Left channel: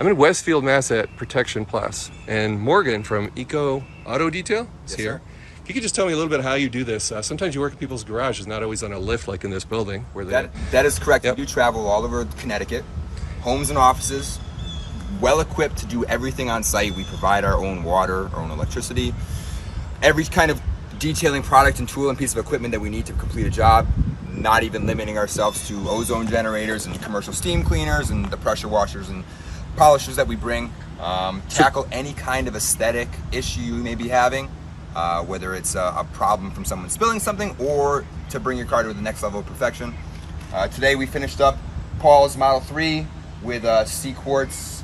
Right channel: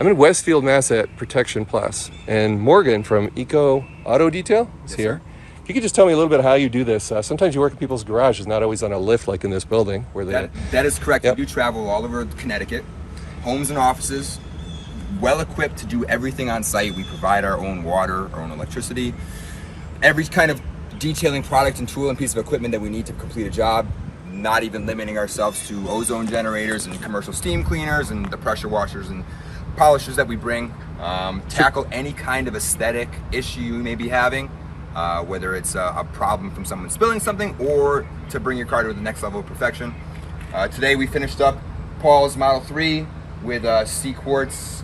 I'm in Westfield, Mass at Protection Plus, and Morgan from Eco Auto Detail is here. If you could just tell me a little bit how you do this. Sometimes you work in people's garages, not always on a lift like in this building. Where that is correct. Yep. We do travel all over Connecticut, homes and offices, well equipped to do everything on site. We provide our own water, our own electricity, every kind of detailing product and tool and piece of equipment that we need to complete a job, not even limiting ourselves to ozone generators and commercial steam cleaners and the pressure washers and polishers that we bring. Tackle any kind of aesthetic issue you may be having, whether it's a problem from someone spilling something or to bring your car to the next level of perfection. Today we finished up Paul's Model 3 with C-Quartz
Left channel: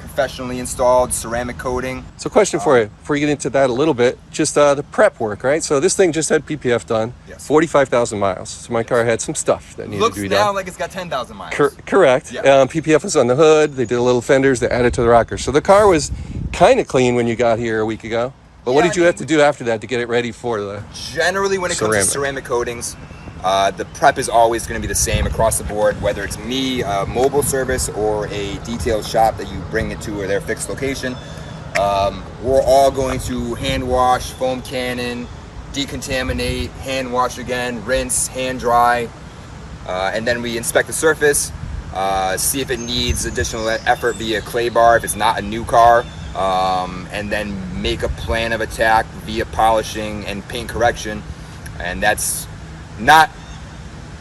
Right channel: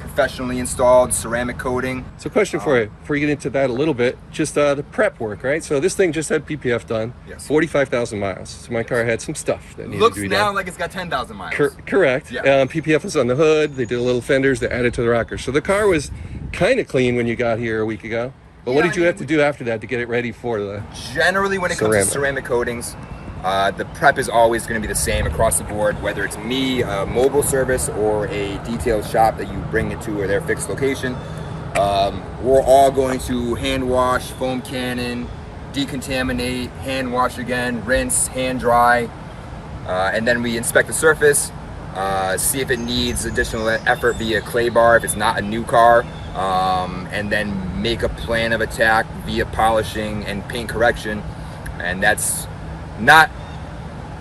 professionally installed ceramic coating. So question for you, before you get into that a little bit, just the prep work, right? So this thing just had PPF done, yes. 45,000 miles. So my car had some stuff that needed to be done. Looks now like it's got 10,000 miles. Correct. Yeah. PPF was on the hood. They did a little fenders. They added to the rocker. So the car was kind of clean when you got here a week ago. But what did you have to do after that to get it ready for the Generally, when it comes to ceramic coatings, the prep is always going to be the same across the board, whether it's me, a mobile service, or a detail shop that you bring it to their fixed location. We're all going to hand wash, foam cannon, decontaminate, hand wash again, rinse, hand dry, and then we inspect the surface, see if it needs additional effort via clay bar if it's not a new car, and then make a plan of attack via polishing and paint correction. And that's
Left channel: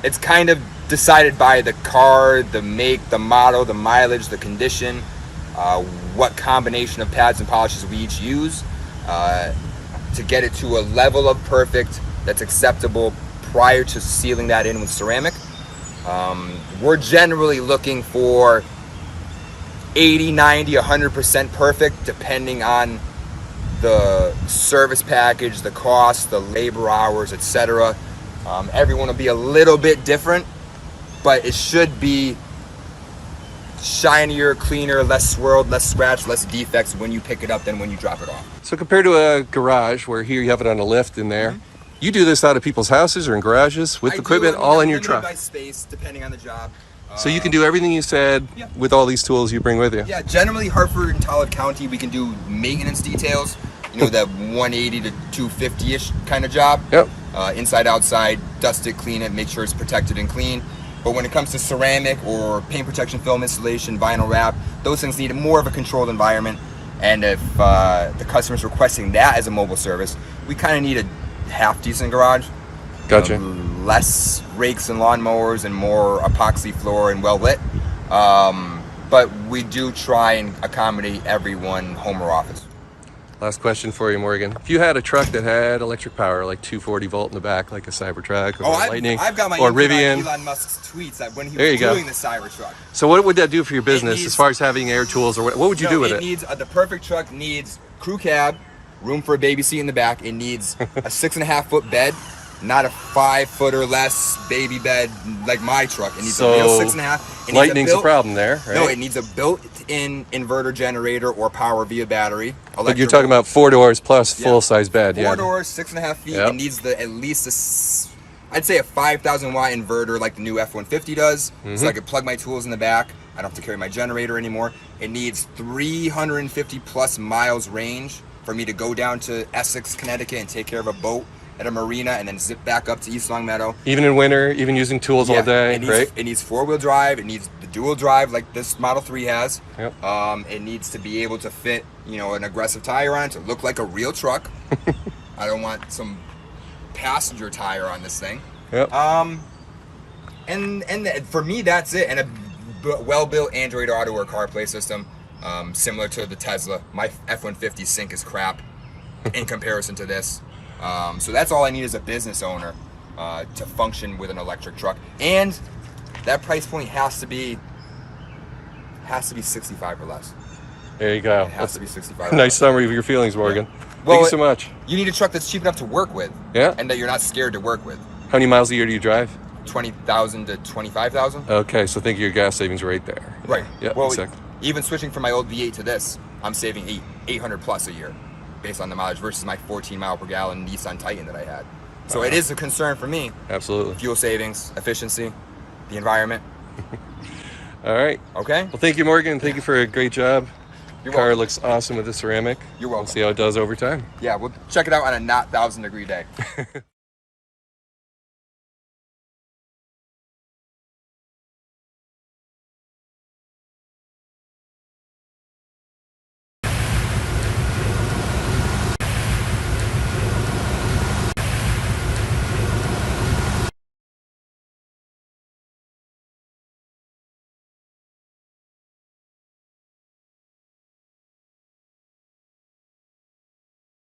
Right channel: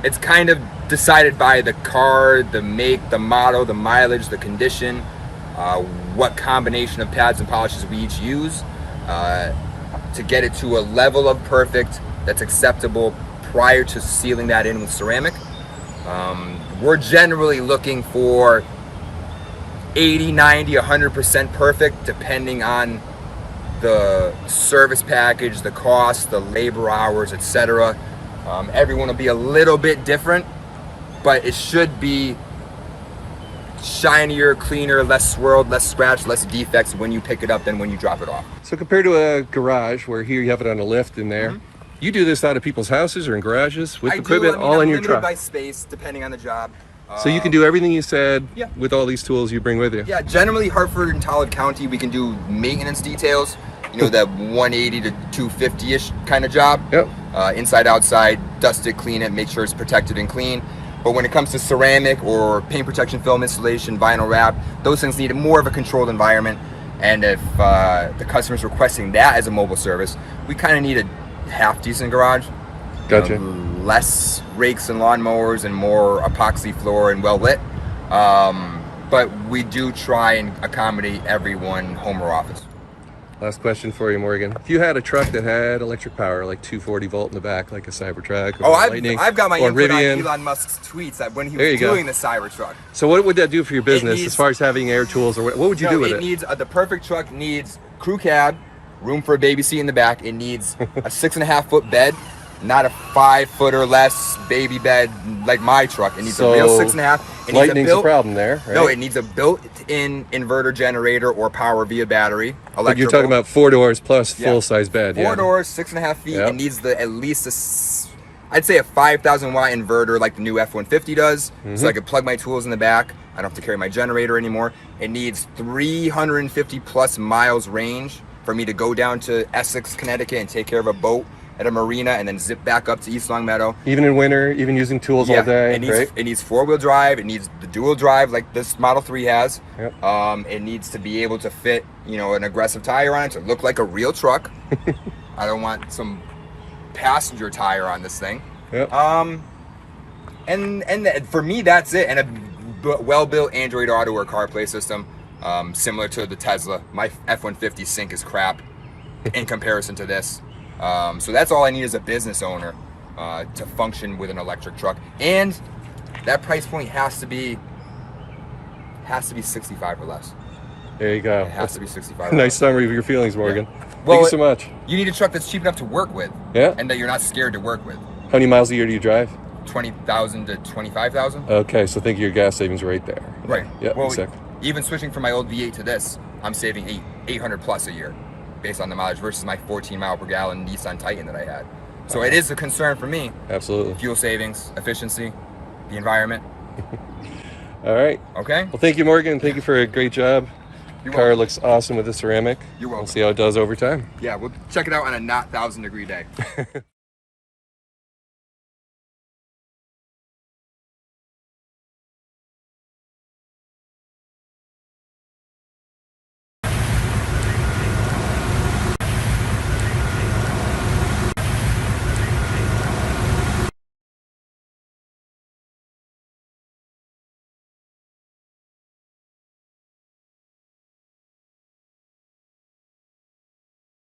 it's kind of decided by the car, the make, the model, the mileage, the condition, what combination of pads and polishes we each use to get it to a level of perfect that's acceptable prior to sealing that in with ceramic. We're generally looking for 80, 90, 100% perfect, depending on the service package, the cost, the labor hours, etc. Everyone will be a little bit different, but it should be shinier, cleaner, less swirled, less scratched, less defects when you pick it up than when you drop it off. So compared to a garage where here you have it on a lift in there, you do this out of people's houses or in garages with equipment all in your truck? By space, depending on the job. So you can do everything you said with all these tools you bring with you? Yeah, generally Hartford and Talbot County, we can do maintenance details, you know, that 180 to 250-ish kind of job. Yep. Inside, outside, dust it, clean it, make sure it's protected and clean. But when it comes to ceramic or paint protection film installation, vinyl wrap, those things need more of a controlled environment. And if the customer's requesting that as a mobile service, we kind of need a half-decent garage. Gotcha. Less rakes and lawnmowers and more epoxy floor and well-lit. But we do try and accommodate everyone, home or office. Last question for you, Morgan. If you had a truck that had electric power, like 240 volt in the back, like a Cybertruck or Lightning, I've got my or input Rivian. on Elon Musk's tweets that when he was doing the Cybertruck. So what would that do for your business as far as having air tools, or what would you do with it? It needs the perfect truck needs crew cab, room for a baby seat in the back. It needs a 6.5-foot bed, not a 5-foot or less baby bed like my truck. It needs a real 6.5. Lightning's a problem there, right? No, it needs a built-in inverter generator or power via battery. But you're talking about 4 doors plus full-size bed. 4 doors, 6.5 feet. It needs at least I'd say a 5,000 watt inverter like the new F-150 does. So I could plug my tools in the back. I don't have to carry my generator anymore. It needs 350 plus miles range for me to go down to Essex, Connecticut and take care of a boat at a marina and then zip back up to East Long Meadow. Even in winter, even using tools all day, right? It needs 4-wheel drive. It needs the dual drive like this Model 3 has. Yep. It needs to be able to fit, you know, an aggressive tire on it to look like a real truck. I don't want some passenger tire on this thing. Yep. And for me, that's it. And a well-built Android Auto or CarPlay system, similar to the Tesla. My F-150 sync is crap in comparison to this. So that's all I need as a business owner to function with an electric truck. And that price point has to be 65 or less. There you go. It has to be 65. Nice summary of your feelings, Morgan. Yeah. Thank you so much. You need a truck that's cheap enough to work with. Yeah. And that you're not scared to work with. How many miles a year do you drive? 20,000 to 25,000. Okay, so think of your gas savings right there. Right. Yeah. Well, exactly. Even switching from my old V8 to this, I'm saving 800 plus a year based on the mileage versus my 14 mile per gallon Nissan Titan that I had. So it is a concern for me. Absolutely. Fuel savings, efficiency, the environment. All right. Okay. Well, thank you, Morgan. Thank you for a great job. You're Car welcome. looks awesome with the ceramic. You're welcome. We'll see how it does over time. Yeah, we'll check it out on a not 1,000-degree day.